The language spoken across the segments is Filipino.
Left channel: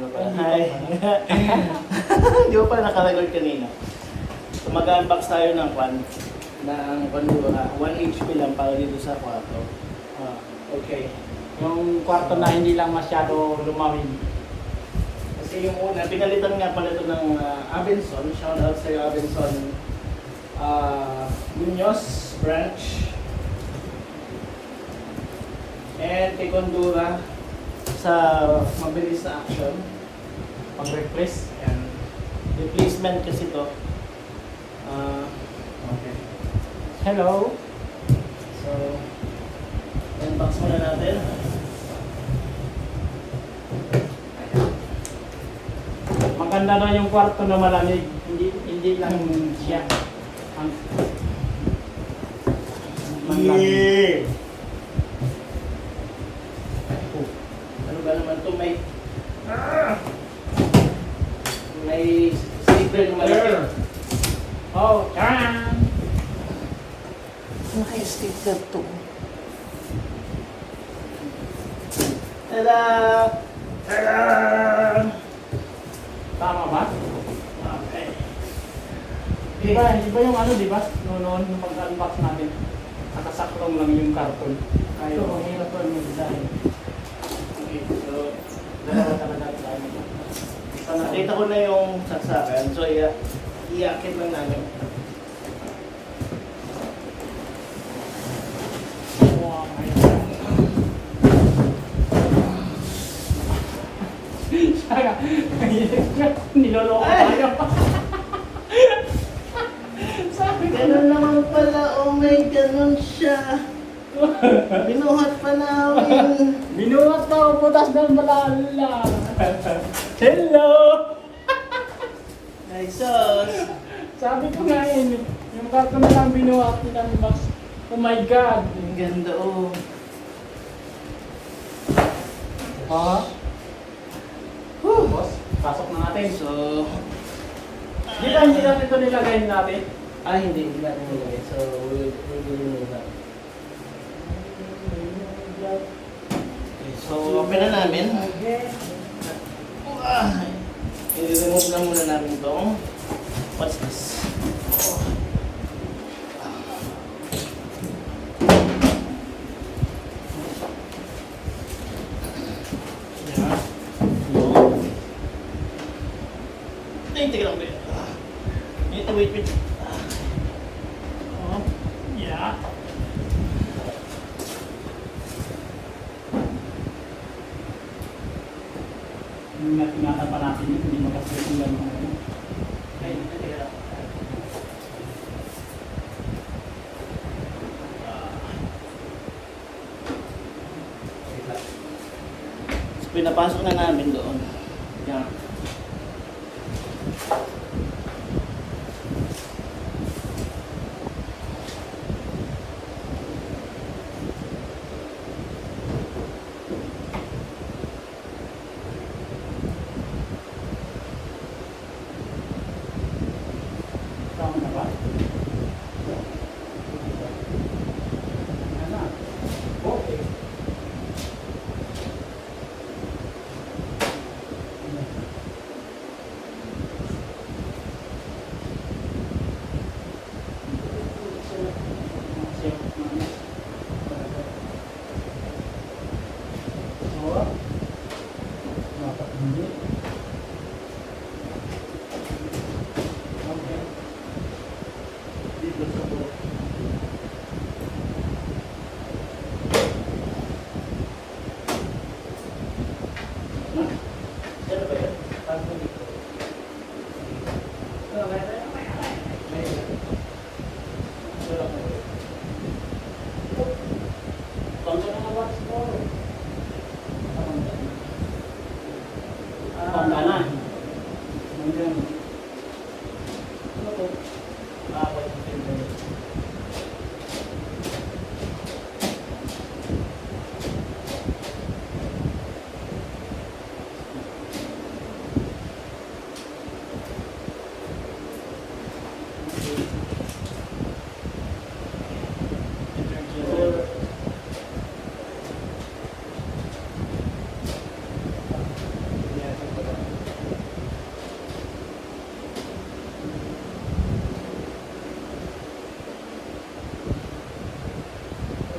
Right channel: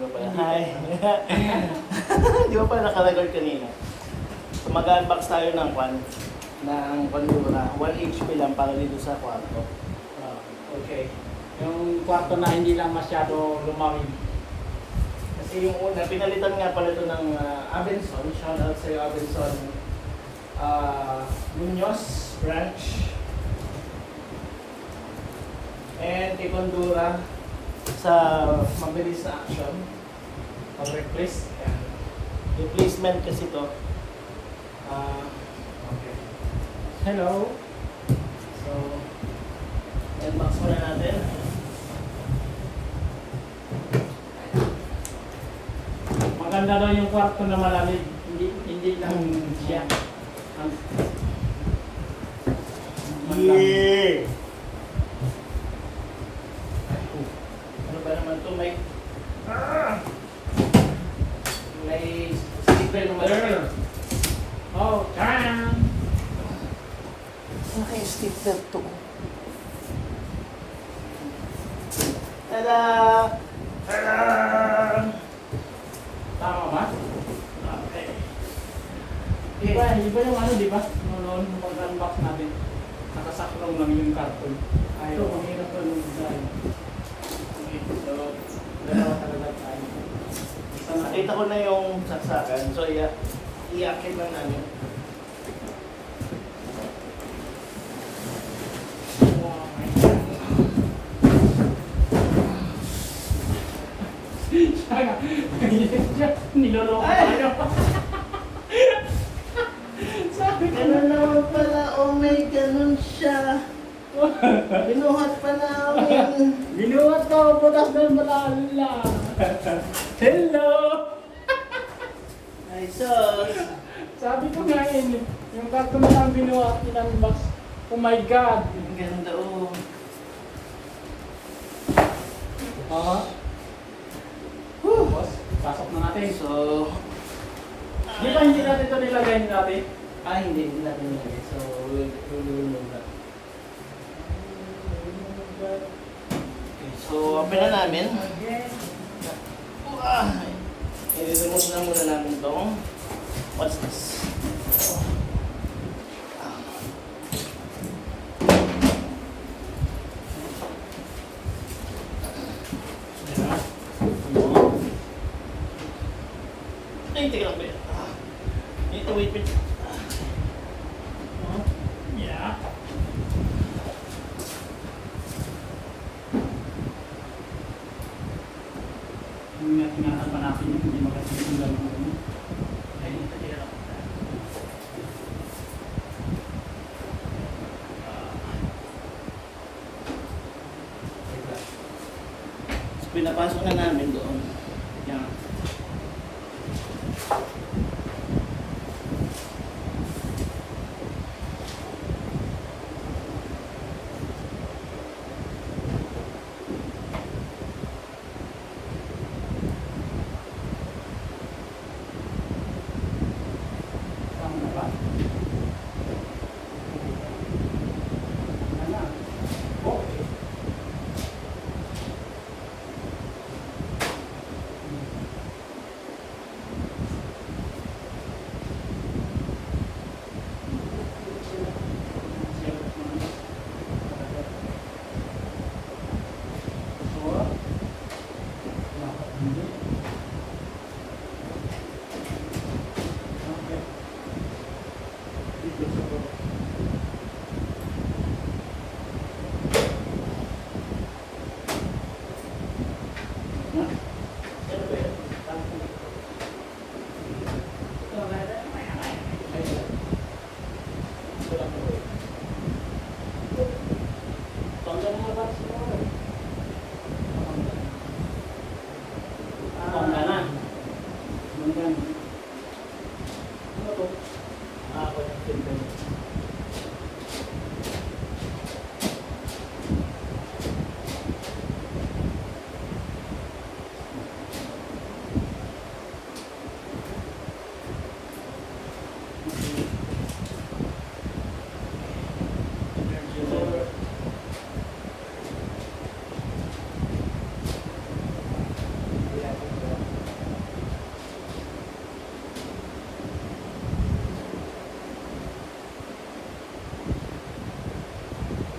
Di ba pala? Hi! Di ba pala naka-record kanina? So mag-unbox tayo ng Pandora. 1 HP lang para dito sa kwarto. Okay. Yung kwarto na hindi lang masyado lumawin. Kasi yung una, pinalitan nga pala ito ng Abenson. Shout out sa'yo, Abenson. Muñoz branch. And kay Condura sa mabilis na action. Pag-replace. And replacement kasi to. Okay. Hello. So, unbox muna natin. Maganda na yung kwarto na malamig. Hindi lang siya. Yeah! Ano ba naman to? May sticker na malaki. Oh, charan! Naka-sticker to. Tada! Tada! Tama ba? Okay. Iba yung ano, di ba? Noon mag-unbox natin. Nakasakrong lang yung karton. Ayaw. So, ang hirap pa yung design. Okay, so, dalawa talaga tayo. So, nakita ko na yung saksakan. So, iakit lang namin. Niloloko tayo. Ganun naman pala, oh may ganun siya. Binuhat pa namin. Binuhat daw, butas ng balala. Hello! Ay, sos. Sabi ko nga yun, yung karton na lang binuhat ng box. Oh my God! Ang ganda, oh. Oh. Boss, pasok na natin. So, Hindi natin ito nilagay natin. hindi natin nilagay. So, we'll do that. Okay, so, open na namin. I-remove na muna namin itong what's this? Diba? Ay, teka lang ba yun? Wait. Oh. Yeah. Ingatan pa natin hindi makasimulan mo. So, pinapasok na namin doon. Yan. Tama na ba? Tama na. Okay. Okay. Dito sa bawah. Ano ba yun? Tanto dito. Panggan na what's more? Ah, Pangganan. Pangganan. ano to? Wala yung timbre.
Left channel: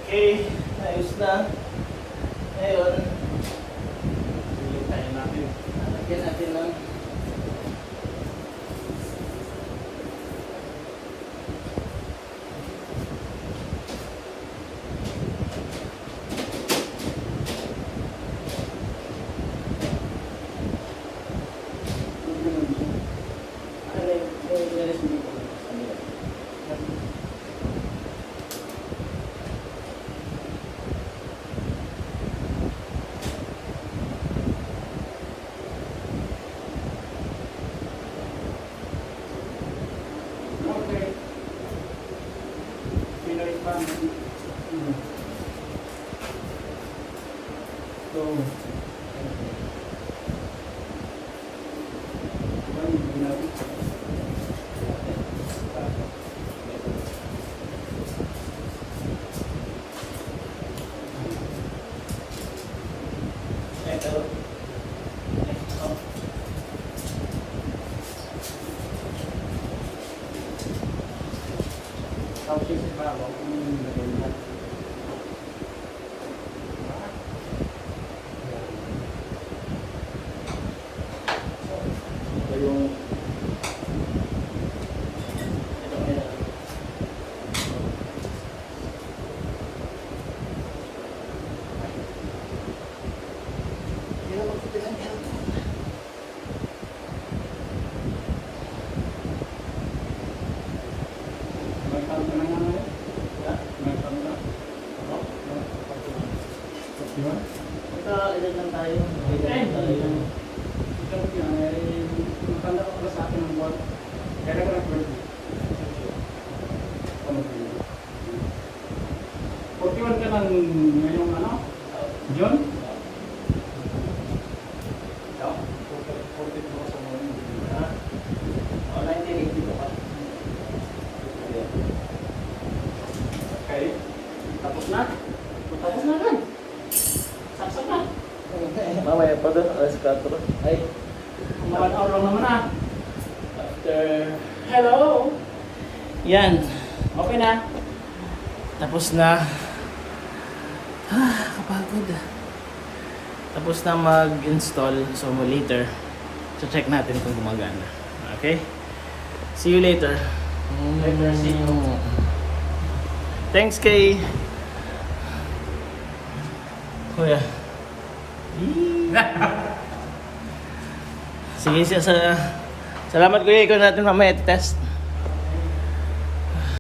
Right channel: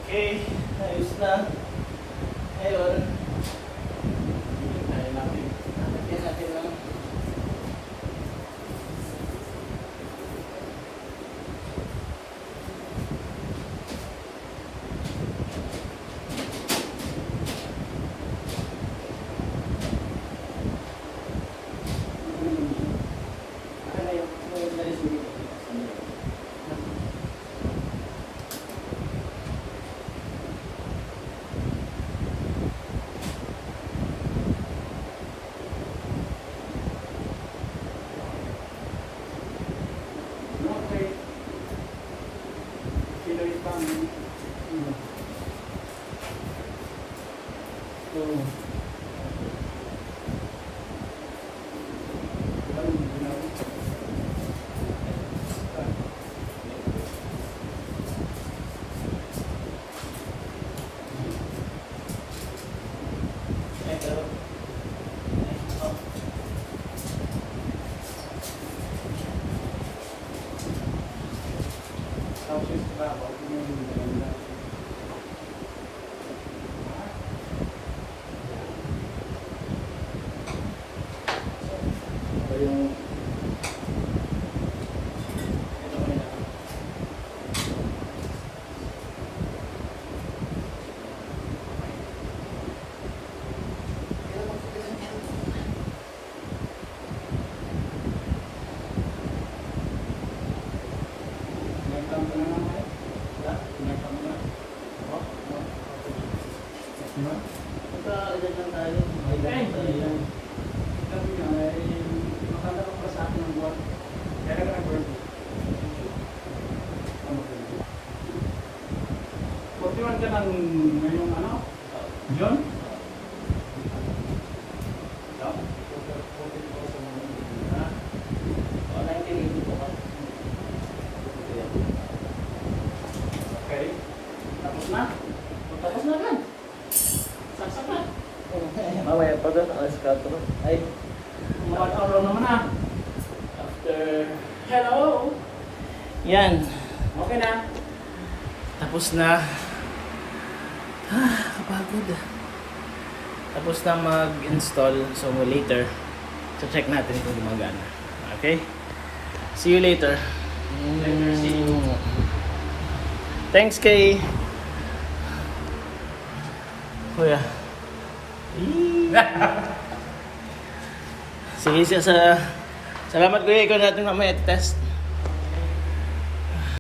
Okay, naayos na. Ngayon, Kaya natin. lalagyan natin ng Okay. Pinoy pan. So, tapos sa babaw, pinilagay na. ito yung Nagtanto na naman. Nagtanto na. Di ba? magkailan lang tayo. Ikaw mo yun, may matanda ka pala sa akin ng buwan. Kaya ka nag-birthday. Ano ko yun? 41 ka ng ngayong ano? June? Ikaw? 42 ko sa mga O, 1980 ko pa. Okay. Tapos na? Tapos na kan? Saksak na? Mamaya pa doon, alas 4. Ay, Mga 1 hour lang naman ah. after... Hello! Yan, Okay na? tapos na. Kapagod. Tapos na mag-install. So later, check natin kung gumagana. Okay? See you later. Later, see you. Thanks kay Kuya. Sige siya sa... Salamat kuya, ikaw natin mamaya test.